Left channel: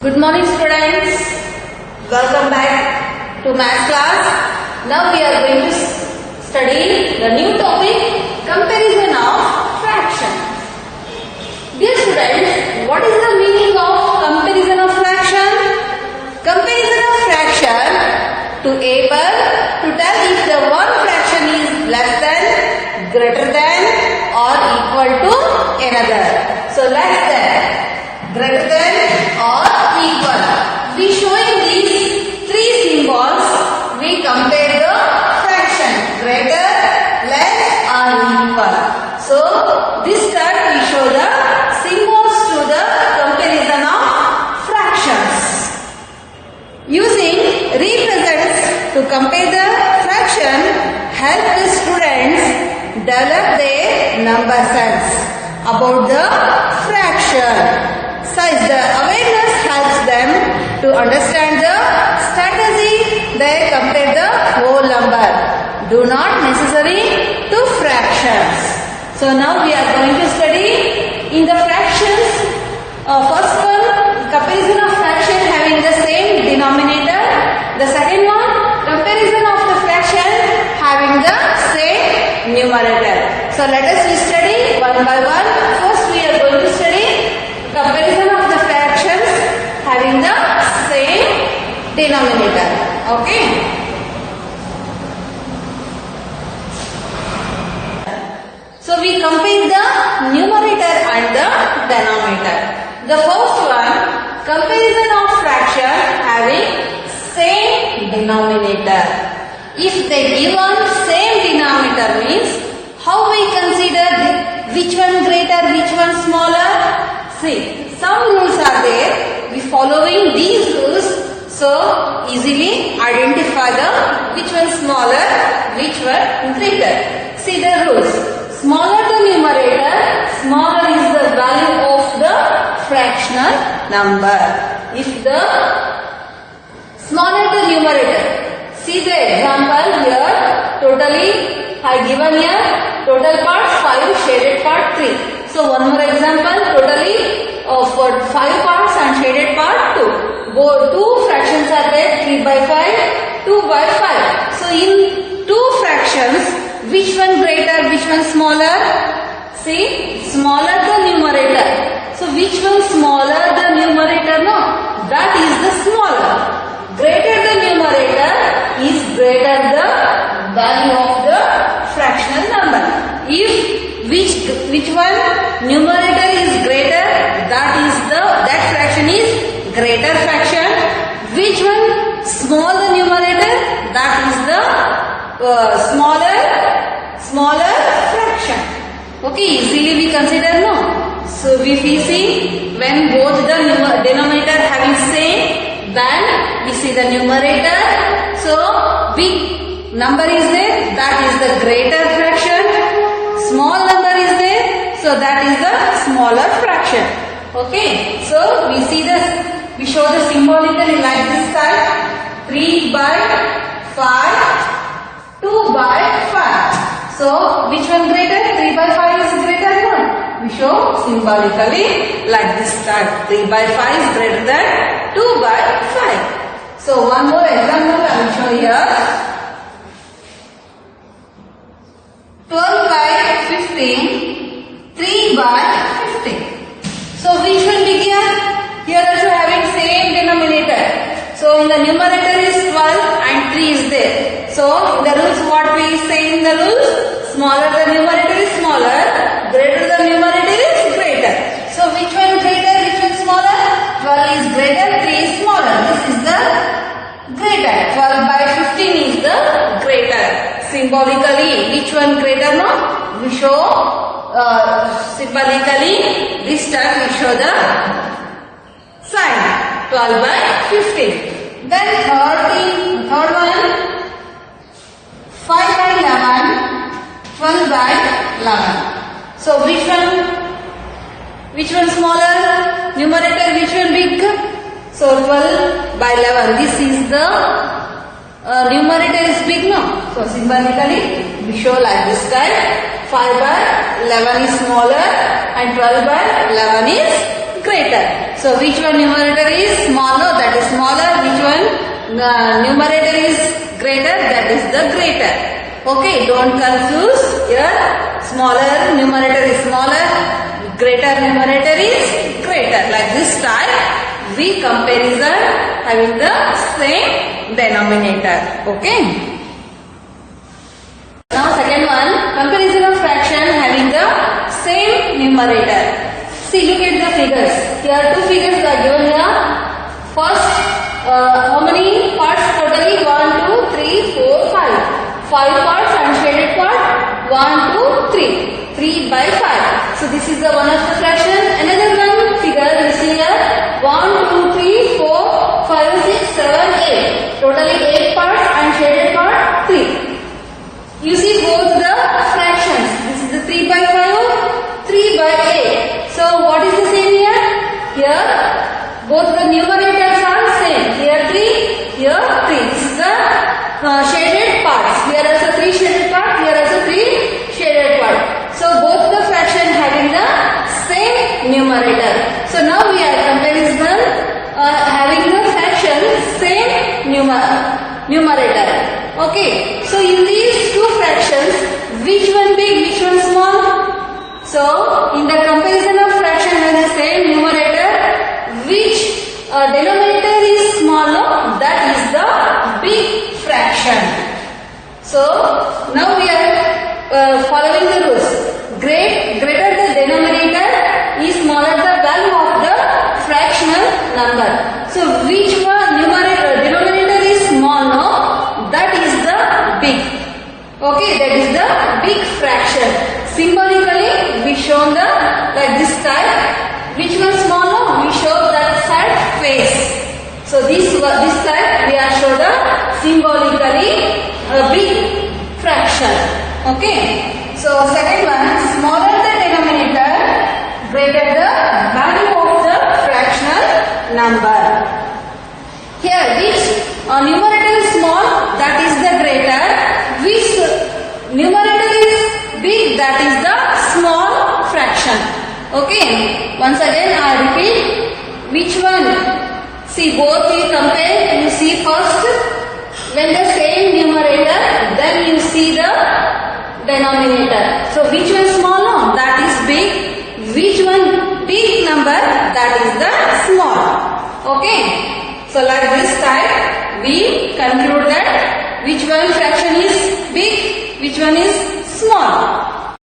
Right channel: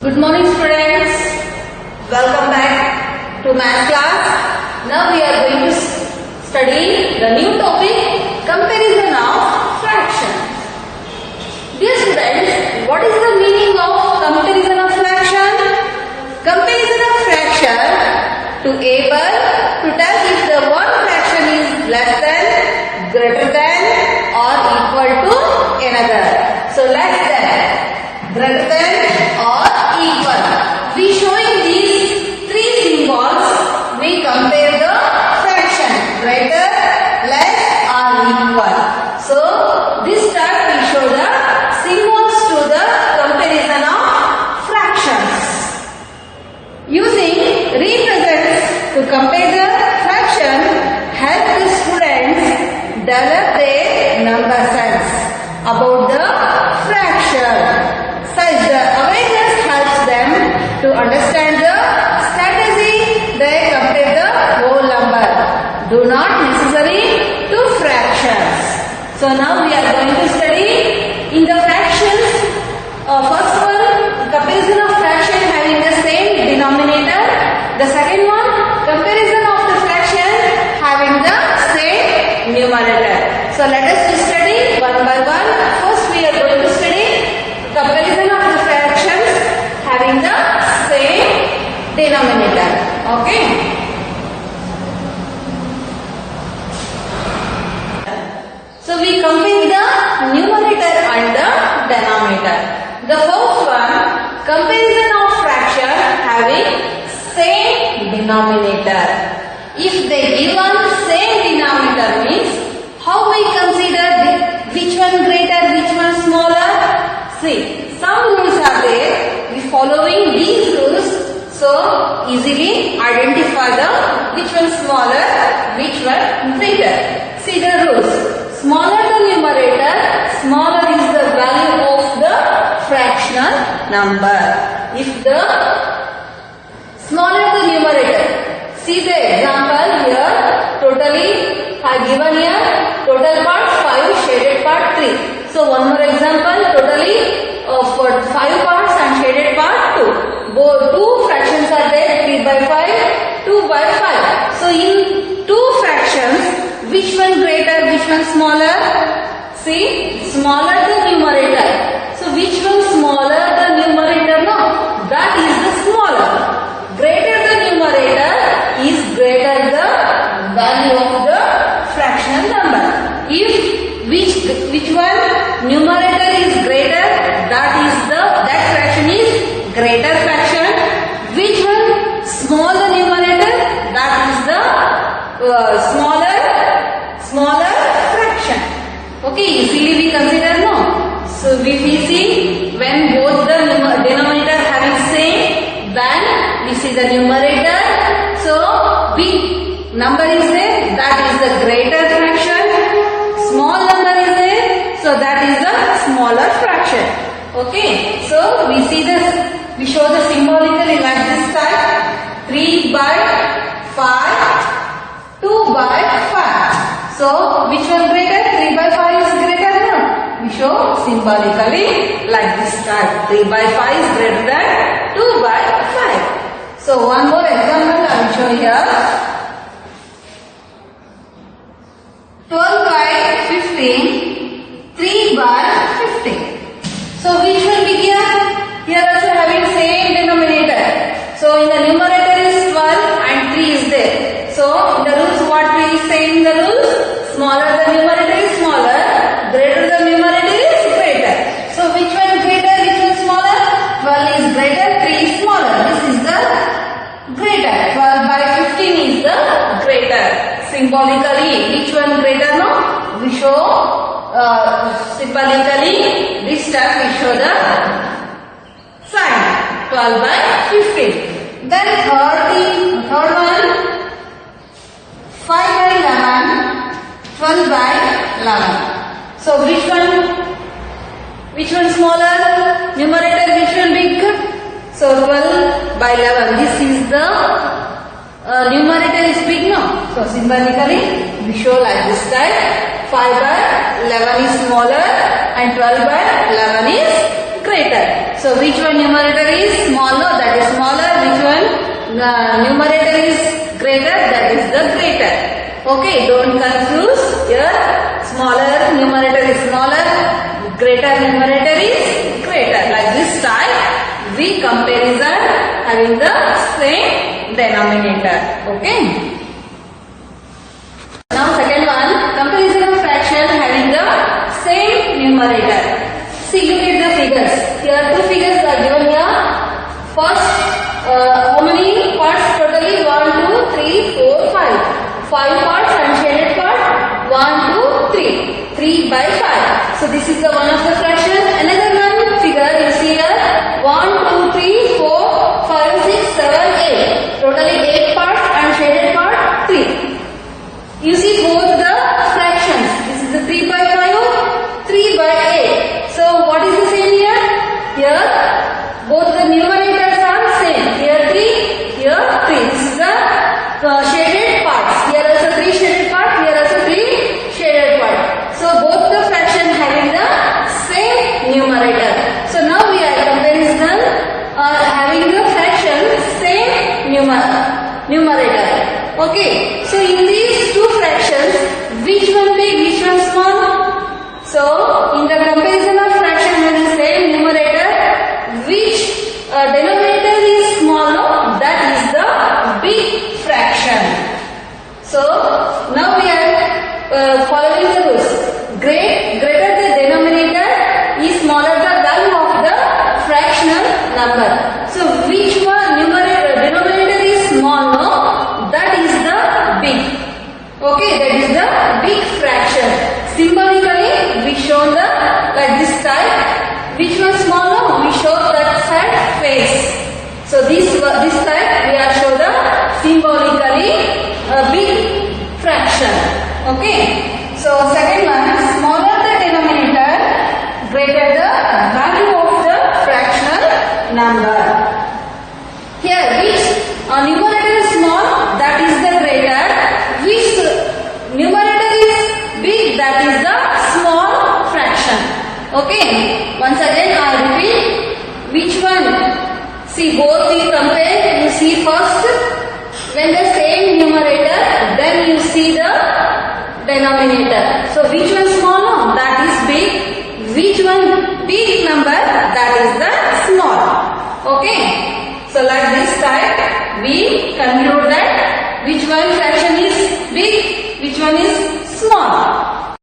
Good morning students. Welcome back to math class. Now we are going to study the new topic, comparison of fraction. Dear students, what is the meaning of comparison of fraction? Comparison of fraction to able to tell if the one fraction is less than, greater than or equal to another. So less than, greater than or equal. We showing these three symbols. We compare the fraction greater, less or equal. So this time we show the symbols to the comparison of fractions. Using represents to compare the fraction help the students develop their number sense about the fraction. Such the awareness helps them to understand the strategy they compare the whole number. Do not necessary to fractions. So now we are going to study in the fractions. First one, comparison of fraction having the same denominator. The second one, comparison of the fraction having the same numerator. So let us study one by one. First we are going to study comparison of the fractions having the same denominator. Okay. So we compare the numerator and the denominator. The first one, comparison of fraction having same denominator. If they given same denominator means how we consider which one greater, which one smaller? See, some rules are there. We following these rules, so easily identify the which one smaller, which one greater. See the rules. Smaller the numerator, smaller is the value of the fractional number. If the smaller the numerator, see the example here. Totally, I given here total parts 5, shaded part 3. So one more example, totally for 5 parts and shaded part 2. Both two fractions are there, 3 by 5, 2 by 5. So in two fractions, which one greater, which one smaller? See, smaller the numerator. So which one smaller the numerator? No, that is the smaller. Greater the numerator is greater the value of the fractional number. If which one numerator is greater, that fraction is greater fraction. Which one small the numerator, that is the smaller fraction. Okay, easily we consider, no. So if we see when both the denominator having same, then we see the numerator. So big number is there, that is the greater fraction. Small number is there, so that is the smaller fraction. Okay, so we show the symbolically like this type: 3 by 5, 2 by 5. So which one greater? 3 by 5 is greater, no? We show symbolically like this type: 3 by 5 is greater than 2 by 5. So one more example I will show here. 12 by 15, 3 by 15. So which will be here? Here also having same denominator. So in the numerator is 12 and 3 is there. So in the rules what we say in the rules? Smaller the numerator is smaller, greater the numerator is greater. So which one greater, which one smaller? 12 is greater, 3 is smaller. This is the greater. 12 by 15 is the greater. Symbolically, which one greater? No, we show symbolically. This time we show the sign 12 by 15. Then third one, 5 by 11, 12 by 11. So which one smaller? Numerator, which one big? So 12 by 11. This is the numerator is big, no? So symbolically we show like this type: 5 by 11 is smaller and 12 by 11 is greater. greater. So which one numerator is smaller? That is smaller. Which one numerator is greater? That is the greater. Okay, don't confuse. Here smaller numerator is smaller, greater numerator is greater. Like this type, we comparison having the same denominator. Okay. Now second one, comparison of fraction having the same numerator. See, look at the figures. Here two figures are given here. First, how many parts totally? 1, 2, 3, 4, 5. 5 parts unshaded part. 1, 2, 3. 3 by 5. So this is the one of the fraction. Another one figure you see here. 1, 2, 3, 4, 5, 6, 7, 8. Totally 8 parts unshaded part 3. You see both the fractions. This is the 3 by 5, 3 by 8. So what is the same here? Here both the numerators are same. Here 3, here 3. This is the shaded parts. Here also 3 shaded parts. Here also 3 shaded parts. So both the fraction having the same numerator. So now we are comparison having the fraction same numerator. Okay. So in these two fractions, which one big, which one small? So in the comparison of fraction having the same numerator, which denominator is smaller? That is the big fraction. So now we are following the rules. Greater the denominator is smaller the value of the fractional number. So which one denominator is small? No, that is the big. Okay, that is the big fraction. Symbolically, we show the like this type. Which one smaller? We show that side face. So this type we are show the symbolically a big fraction. Okay. So second one, smaller the denominator, greater the value of the fractional number. Here which numerator is small, that is the greater. Which numerator is big, that is the small fraction. Okay. Once again I repeat. Which one? See both you compare. You see first when the same numerator, then you see the denominator. So which one smaller? That